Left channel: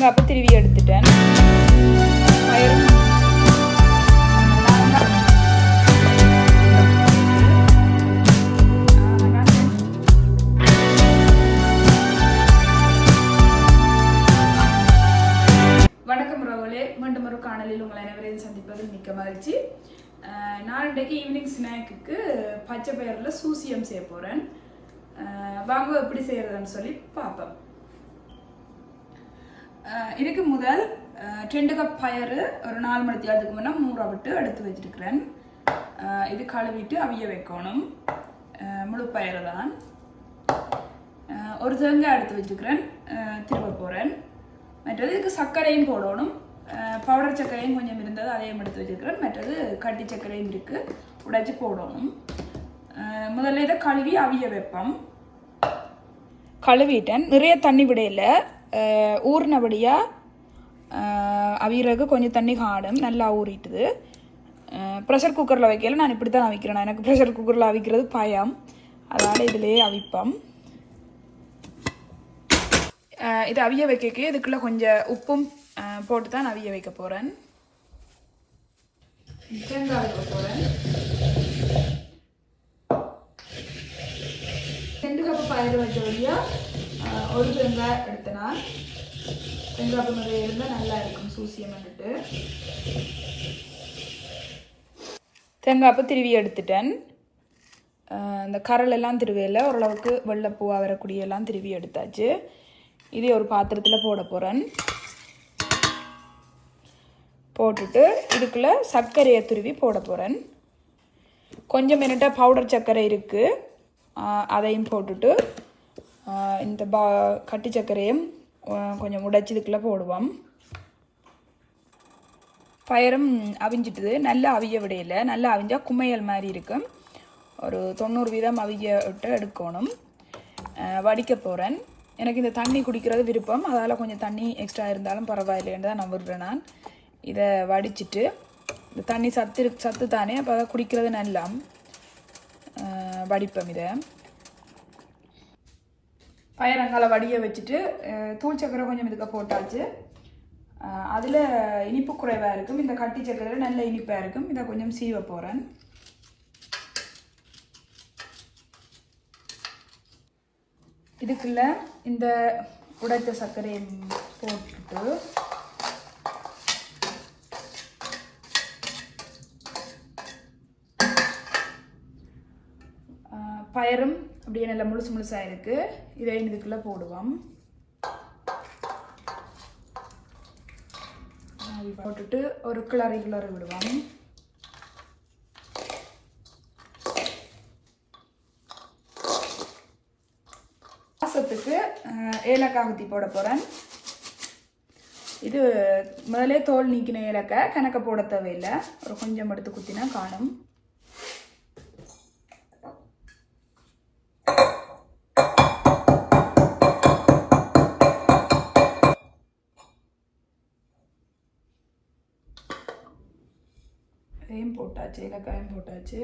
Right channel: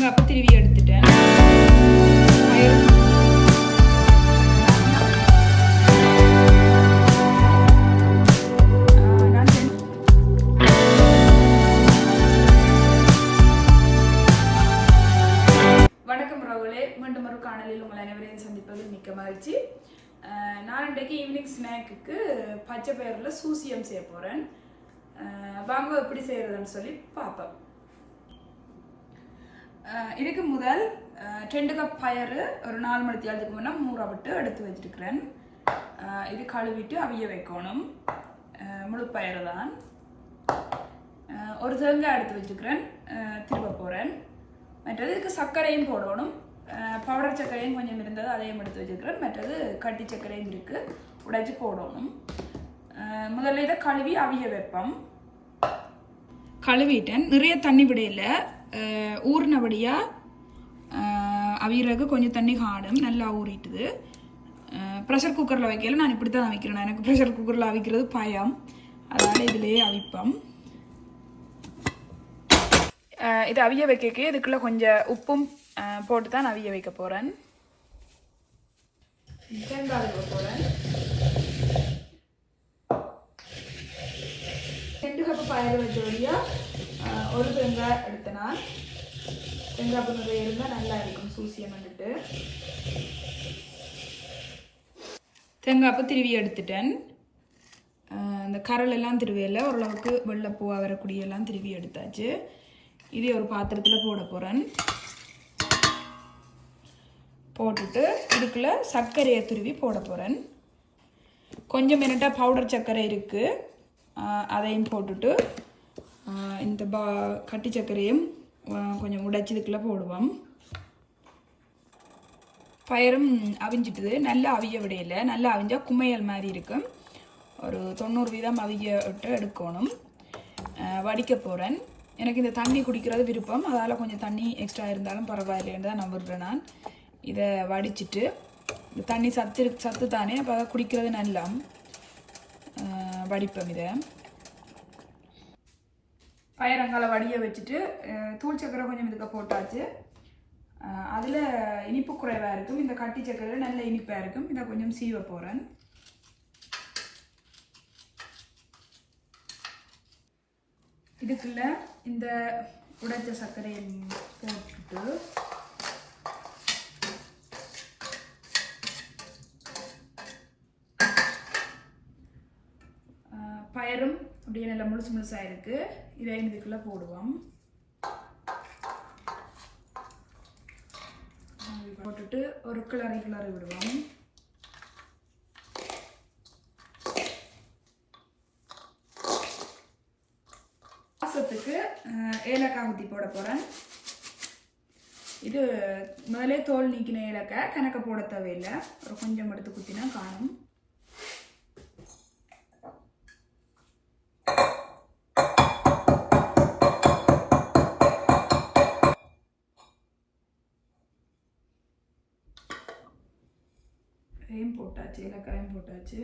தேங்காய் திருவி எடுத்துட்டேன். வணக்கம் ரகுலே மீண்டும் ஒரு காணொலியில் உங்கள் அனைவரையும் சந்திப்பதில் மிக்க மகிழ்ச்சி. நான் இன்றைக்கு ஈவினிங் ஸ்நாக்குக்கு பச்சை பயிரில் சூசியம் செய்ய போகிறேன் வாங்க எப்படி செய்கிறதுன்னு சொல்லி பார்ப்பேன் இதுக்கு முதல் ரெண்டு கப் பயறு ஒரு நாலு மணி தேர்தலுக்கு முன்னே மூற விட்டு எடுத்து வச்சிருக்கிறேன். இது கழுவிட்டு அவிய வைக்கணும். முழு பயிறு தான். ஒரு தேங்காய் எடுத்து வச்சுக்கிறேன் திரும்ப போகிறேன் மற்றது இதுக்கு சர்க்கரையும் போடணும். பவுடர் சர்க்கரையும் கொஞ்சம் இருந்தது அதையும் எடுத்து வச்சுருக்கிறேன். மற்றது கட்டி சர்க்கரையும் இருக்குது உடைச்சி போடணும். முதல்ல இதை கழுவி அவிய வைப்போம். கழுவிட்டேன். நிறைய தண்ணி விடையில ஊறினபடியாக அவியறதுக்கு கொஞ்சம் தண்ணி காடும் நல்லா ஊறிட்டுது. ப்ரெஷர் குக்கரில் வைக்கல நான் இப்படி தான் அவிக்கிறேன் எனக்கு ப்ரெஷர் குக்கரில் அவிக்கிறது பயம். அதனால் இதிலேயே அவிப்போம். இதை இது அவிய வைக்க இதுக்குள்ளே கொஞ்சம் உப்பும் போட்டு தான் நான் அவிய வைக்க போகிறேன் தேங்காய் வைக்க போகிறேன் ரெண்டு கப்பு பயிர் வச்ச வழியாக ஒரு தேங்காய் எடுத்தனா? தேங்காய் பண்ணுறது இருந்தால் நல்லா இருக்கும் சூசியம் வந்துட்டு தேங்காய் அப்போ திருவி எடுத்துட்டேன். இந்த கரல் எல்லாம் திருவையில் ஓரளவுக்கு வெள்ளைப்பூவாக வரக்கூடிய எல்லாம் திருவி எடுத்தாச்சு. இதே ஒரு பாத்திரத்தில் போட போகிறேன் போட்டுட்டு இதுக்குள்ள சர்க்கரையை துருவி போட போகிறேன் கொஞ்சம் மினிட்ட பவுடர் சர்க்கரை இருக்குது அதையும் போட்டுட்டு இந்த பா கட்டி சர்க்கரையும் கொஞ்சம் உடைச்சி இதுக்குள்ளே போடுவோம். பயரும் அவிஞ்சிட்டுது. நல்லா அவிய விடையில. நல்லா அவிஞ்சால் குமையல் மாதிரி இருக்கும். ஒரு தொண்ணூறு வீதம் அவிய விட்டு எடுக்கணும். வடிக்க போகிறேன் எனக்கு இந்த தண்ணி குடிக்கிறது விருப்பம். அதால் கொஞ்சம் தண்ணி எக்ஸ்ட்ரா இருந்தாலும் பரவாயில்லைன்னு தான் நான் விடுறேன் நான். இதை வடிச்சிட்டு இந்த தண்ணி சத்து சத்து தானே அப்போ அதை குடிக்கிறது நல்லா வடிப்போம் இதை. பயரங்கால வடிய வச்சுட்டு தூள் சக்கரை கொஞ்சம் இதுக்கு போட்டாச்சு. அதில் இனிப்பு குறைவாக இருக்கும். இந்த கட்டி சக்கரையில் நல்ல இனிப்பாக இருக்கும். இதை கொஞ்சம் சீவ போகிறேன் இதுக்குள்ள இந்த உடைத்த சர்க்கரையை போட்டுட்டு பயரும் அப்படியே நல்லா முழுசு முழுசாக இருக்குது இதை இதுக்குள்ளே போடுவோம். போட்டுட்டு ஒரு கிளறி கிளறி விடுவோம். வாசத்துக்கு ஏலக்காய் ஊற்றி போட போகிறேன் இது முதலே தோல் நீக்கின ஏலக்காய் கணக்க போட தேவையில்லை. ஒரு கொஞ்சம் எடுத்து குத்தினா காணும். இதையும் போட்டாச்சு ஏலக்காயும் போட்டாச்சு.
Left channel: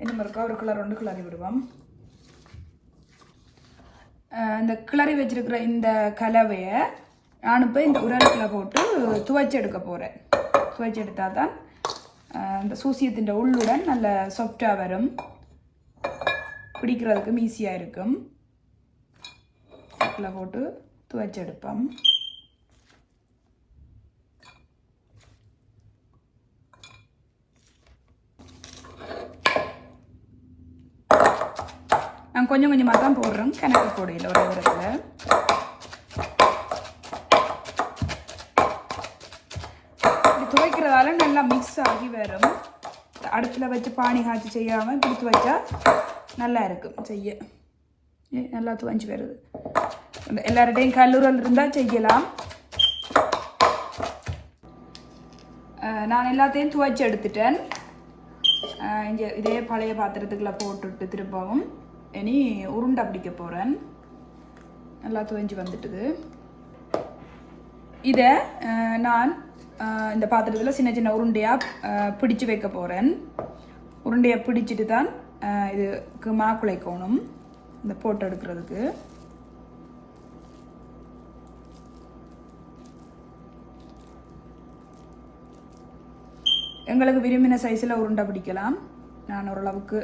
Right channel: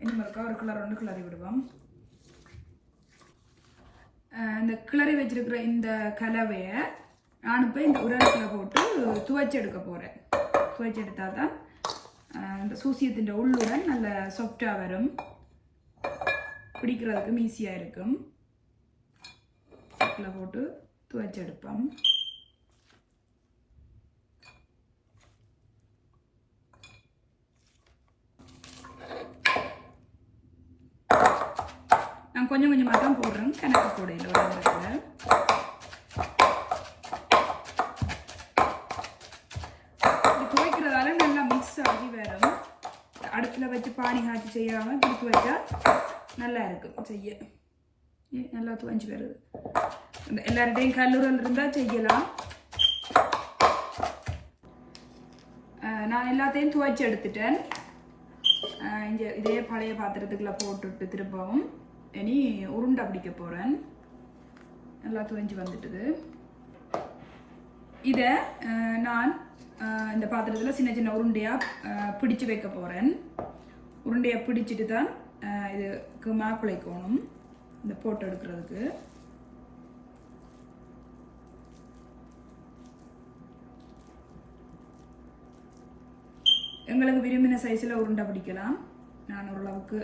இன்னும் இருக்கா ஒரு கிளர் ரெண்டு கிளறி விடுவோம். இந்த கிளறி வச்சிருக்கிற இந்த கலவையை நான் இப்போ இந்த உரலுக்குள்ள போட்டு துவைச்சி எடுக்க போகிறேன் துவைச்சி எடுத்தால் தான் இந்த சூசியத்தின் உள்ளுடன் நல்ல சாஃப்டாக வரும். பிடிக்கிறதுக்கும் ஈஸியாக இருக்கும். போட்டு துவைச்சி நான் கொஞ்சம் கொஞ்சமாக தான் போடுறோம். கணக்கு போடையில் ஒரு இடத்துல இது துவைக்கிறதால நல்லா மிக்ஸ் ஆகி வரும். அடுப்பில் வச்சு பானி காய்ச்சி செய்யாமல் பிடித்து வச்சா நல்லா இருக்கும். செய்ய. நல்லா துவஞ்சி வருது. எல்லார்டையும் கல்லூரல் இருந்தால் செய்யலாம். நான் எல்லாத்தையும் துவைச்சி எடுத்துட்டேன். இங்கே இதே பழைய பாத்திரத்துக்குள்ள போட்டுட்டு திரும்பவும். இனி உருண்டை பிடிக்க போகிறேன் நல்லா துவஞ்சி வந்துட்டுது. இதை நான் இந்த பாத்திரத்தில் சின்ன சின்ன உருண்டையாக பிடிச்சு வைக்க போகிறேன் உருண்டையை பிடிச்சிட்டு தான் இதுக்கு மாக்குழைக்கணும் இந்த போட்டோ எடுக்கிறதுக்கு. எங்களுக்கு விரும்பின சைஸில் உருண்டை பிடிக்கலாம். நான் ஓரளவுக்கு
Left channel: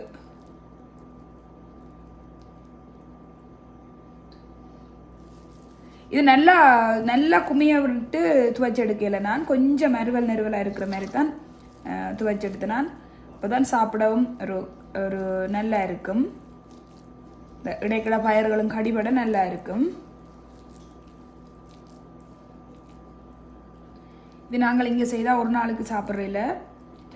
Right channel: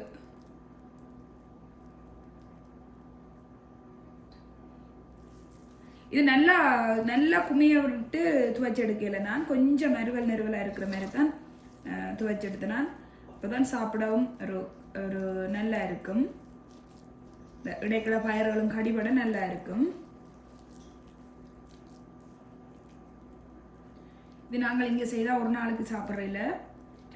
இது நல்லா நல்லா குமிய விட்டு துவைச்செடுக்கையில் நான். கொஞ்சம் மறுவல் நெருவலாக இருக்கிற மாதிரி தான் துவைச்செடுத்து நான் இப்போ தான் சாப்பிடவும் ஒரு ஒரு நல்லா இருக்கும். இந்த இடைக்கிழ பயிர்களும் கடிபட நல்லா இருக்கும். இது நாங்கள் இங்கே செய்தால் ஒரு நாளைக்கு சாப்பிட்றதில்ல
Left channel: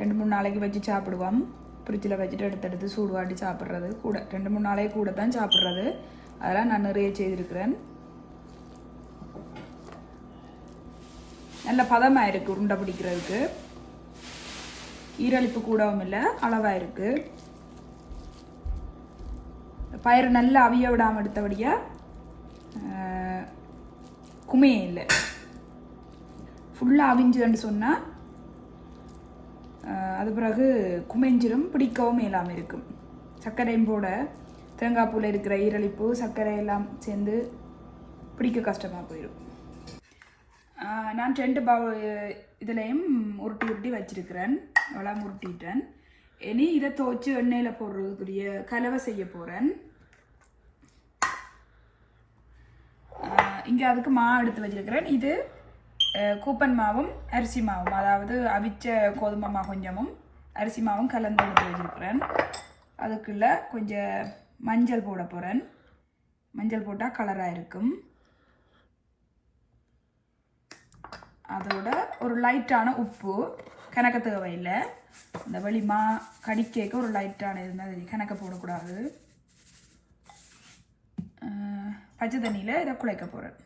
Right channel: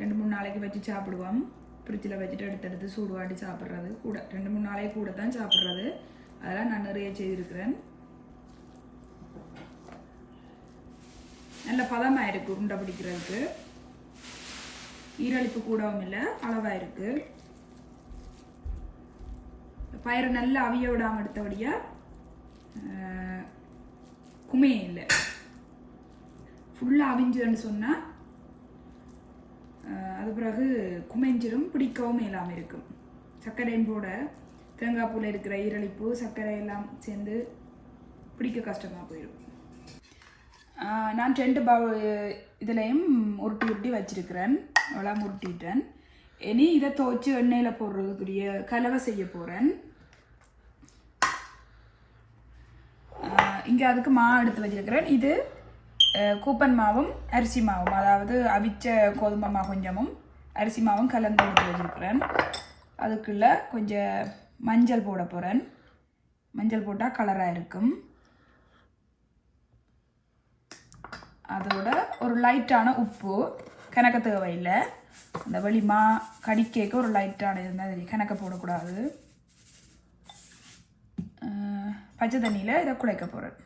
ரெண்டு மூணு நாளைக்கு வச்சு சாப்பிடுவோம். ஃப்ரிட்ஜில் வச்சுட்டு எடுத்து எடுத்து சூடு வாட்டி சாப்பிட்றது கூட. ரெண்டு மூணு நாளைக்கு கூட தான் சாப்பிட்றது. அதெல்லாம் நான் நிறைய செய்திருக்கிறேன். நல்ல பதமாக இருக்குது உருண்டை பிடிக்கிறதுக்கு. ஈரழிப்பு கூடவும் இல்லை அளவாக இருக்குது பயிர் நல்லா அவிய விடாமல் எடுத்தபடியாக குமையே இல்லை. ஃபுல்லாக அவிஞ்சுதுன்னு சொன்னால் அது பிறகு குமைஞ்சிரும் பிடிக்கவும் இல்லாமல் இருக்கும். சர்க்கரையும் போட தேங்காய் பூவில் இருக்கிற ஈரழிப்பு சர்க்கரை எல்லாம் சேர்ந்து பிடிக்க கஷ்டமாக போயிடும் நான் ரெண்டு பவு இதுலேயும் உருட்டி உருட்டி வச்சிருக்கிறேன். அவ்வளோ உருட்டிட்டேன் இனி இதை துவச்சி எண்ணெயில் போடுறதுக்குரிய கலவை செய்ய போகிறேன் இங்கே அதுக்கு மா எடுத்து வச்சிருக்கிறேன். இது கூப்பன் மாவும் அரிசி மாவும் அதாவது அவிச்ச கோதுமை மா கொஞ்சமும் அரிசி மாவும் கலந்து எடுத்து வச்சிருக்கிறேன். அதுக்குள்ளே கொஞ்சம் மஞ்சள் போட போகிறேன் மஞ்சள் போட்டால் கலராக இருக்கும். அதோட ஒரு லைட்டான உப்பு. கணக்க தேவையில்லை. இந்த வெளிமா கடிக்கேக்க ஒரு லைட்டான இருந்தால் கணக்க போடக்கூடாது. பச்சை தண்ணியில் இதை குழைக்க போகிறேன்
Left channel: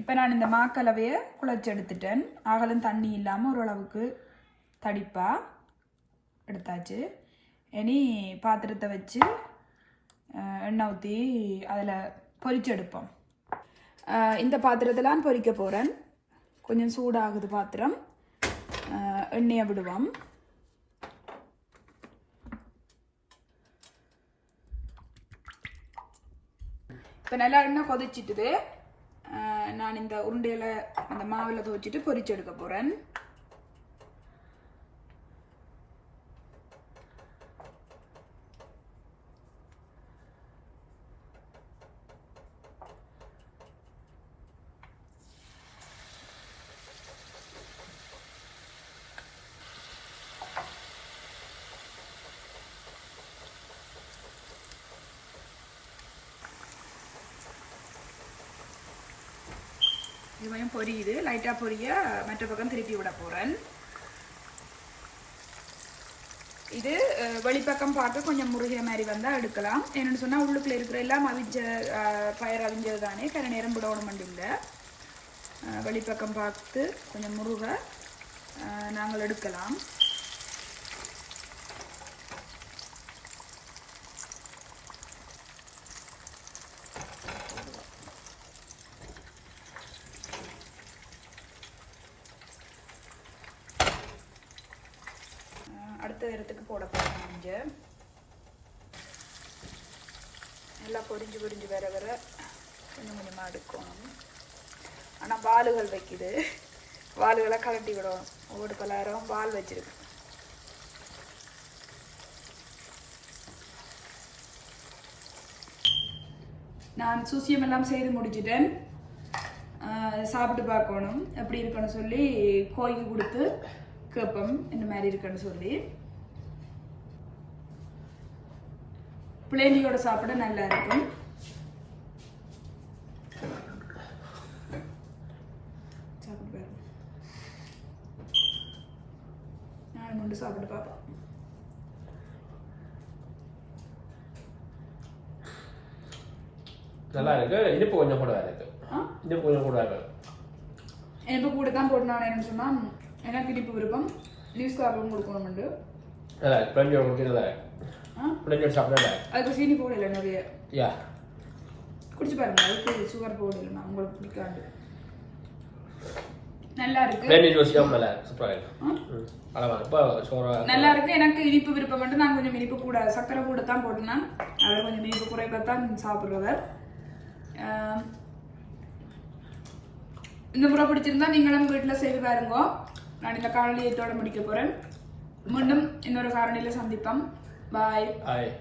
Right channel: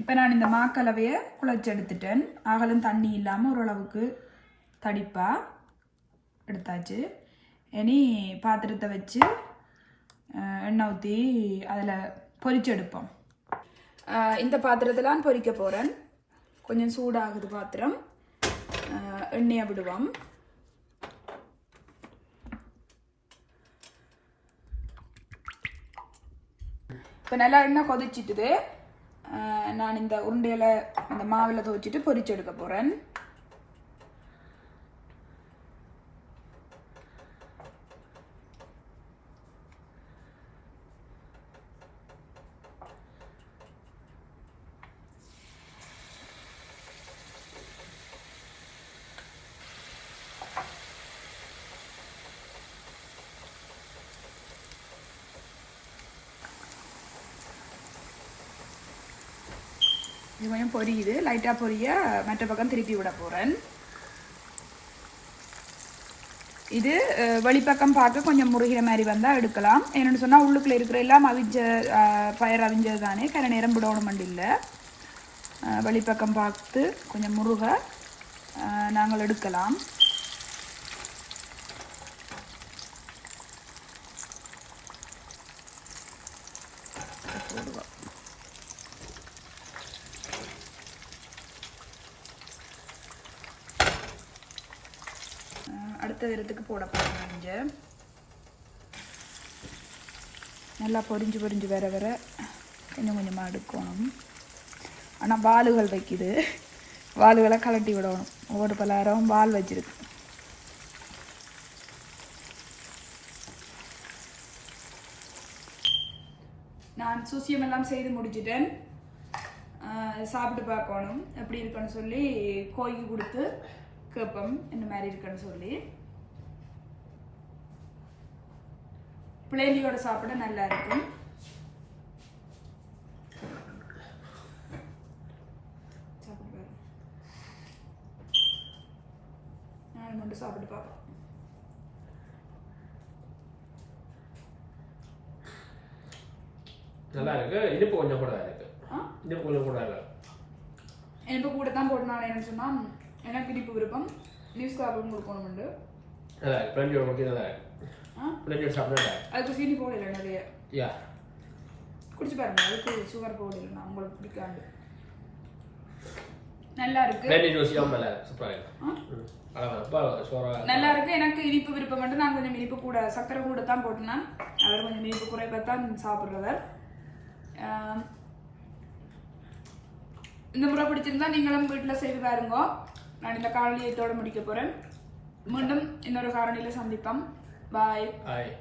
இப்போ நான் இந்த மாக்கலவையை குழைச்சி எடுத்துட்டேன். ஆகலும் தண்ணி இல்லாமல் ஓரளவுக்கு தடிப்பாக எடுத்தாச்சு. இனி பாத்திரத்தை வச்சு எண்ணெய் ஊற்றி அதில் பொரிச்செடுப்போம் இந்த பாத்திரத்தில் நான் பொரிக்க போகிறேன் கொஞ்சம் சூடாகுது பாத்திரம். எண்ணெயை விடுவோம். இப்போ நல்லா எண்ணெய் கொதிச்சிட்டுது. நான் இந்த உருண்டையில் அந்த மாவில் துவைச்சிட்டு பொரிச்செடுக்க போகிறேன் இது கொஞ்சம் பொரியுது லைட்டாக பொரிய மற்ற பக்கம் திருப்பி விட போகிறேன் இது வெளிப்பக்கம் பார்க்க கொஞ்சம் முருகிற மாதிரி வந்தால் எடுக்கலாம். என்னென்னு சொன்னால் உள்ளுக்குள்ளே இருக்கிற எல்லாம் அவிஞ்ச அஹ், பயிர் அவிஞ்சது தானே கரை நேரம் விடணும் இல்லை. வெளிப்பக்கம் பார்த்து கொஞ்சம் முருக நாங்கள் எடுக்கலாம். அடுத்த இடத்துக்கு போட போகிறேன் கொஞ்சம் நல்லா பொறிஞ்சு பொரிஞ்சு வர வர கொஞ்சம் கொஞ்சமாக எடுக்கணும் ஆனால் வாளுகள் வைக்குது. வாள்களை கலட்டி விடணும். ஒவ்வொரு பலாயிரம் வால் வச்சிருக்கு. நான் சூசியம் எல்லாம் செய்து முடிச்சிட்டேன். சாப்பிட்டு பார்க்கணும். எப்படி இருக்குன்னு சொல்லி கோய்க்கு கொடுத்து கேட்போம் இந்த மாதிரி இருக்குன்னு சொல்லி. பிளேனியோட சாப்பிட நல்லா இருக்கும். சாப்பிட்டு பாருங்க நான் மட்டும் சாப்பிட்டு பார்ப்போம் நல்லா இருக்கு. இனிப்பு கொஞ்சம் கூட இருக்கு. இனிப்பு கொஞ்சம் கூட இருக்கு. எனக்கு கூட தான் நான் என்னன்னு சொன்னால் எனக்கு இனிப்பு விருப்பம். நியூஸ் கார்டும் கொடுக்கணும்ண்டு நல்லா இருக்கு. நல்லா இருக்கு. ஆ? பிளேட்டியோட சாப்பிட நல்லா இருக்கு அதுக்கு சீனி போடல நிறைய. யா. குடிச்சு பாருங்க அதுக்கு சுகர் போடல நான் உங்களுக்கு பிடிக்காண்டு நல்லா இருக்கு. நல்லா இருக்கு. எனக்கு இனிப்பு விருப்பம் மட்டும் நான் கொஞ்சம் இனிப்பு கூட சக்கரை கூட தான் போட்டு நான். அவர் கொஞ்சம் இனிப்பு குறைவாக தான் சாப்பிட்றவர் இந்த முறை பிடிச்சிருந்தா நீங்களும் வீட்டில் செய்து பாருங்க. நான் இந்த காரணியத்தோட முடிக்க போகிறேன் மீண்டும் இன்னொரு காரணியில் சந்திப்போம். Bye. Bye.